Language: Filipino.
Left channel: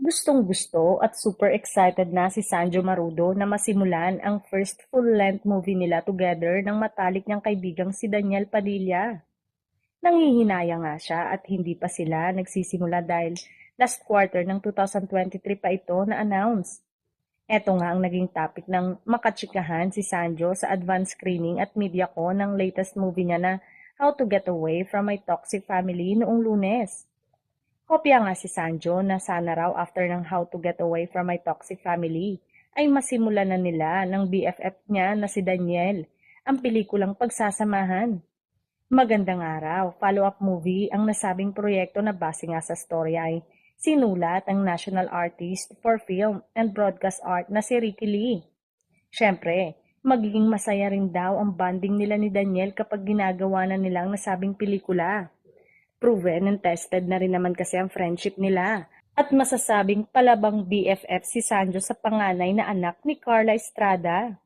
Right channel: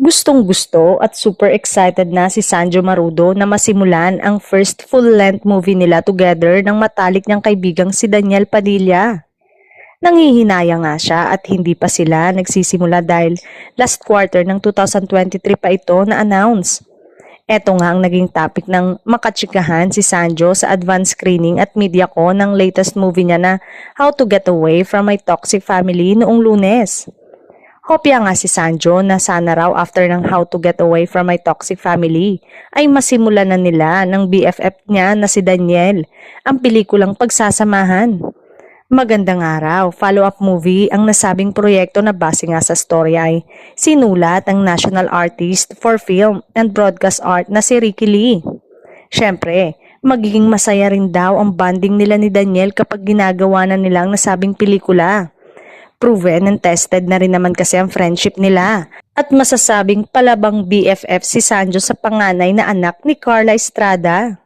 Gustong-gusto at super excited na si Sanjo Marudo na masimulan ang first full-length movie nila together ng matalik niyang kaibigang si Daniel Padilla. Nanghihinaya nga siya at hindi pa sila nagsisimula dahil last quarter ng 2023 pa ito na-announce. Eto nga ang naging topic ng makachikahan si Sanjo sa advance screening at media ko ng latest movie niya na How to Get Away from My Toxic Family noong Lunes. Hopya nga si Sanjo na sana raw after ng How to Get Away from My Toxic Family ay masimulan na nila ng BFF niya na si Daniel ang pelikulang Pagsasamahan. Magandang araw, follow-up movie ang nasabing proyekto na base nga sa story ay sinulat ang national artist for film and broadcast art na si Ricky Lee. Siyempre, magiging masaya rin daw ang bonding nila ni Daniel kapag ginagawa na nila ang nasabing pelikula. Proven and tested na rin naman kasi ang friendship nila. At masasabing palabang BFF si Sanjo sa panganay na anak ni Carla Estrada.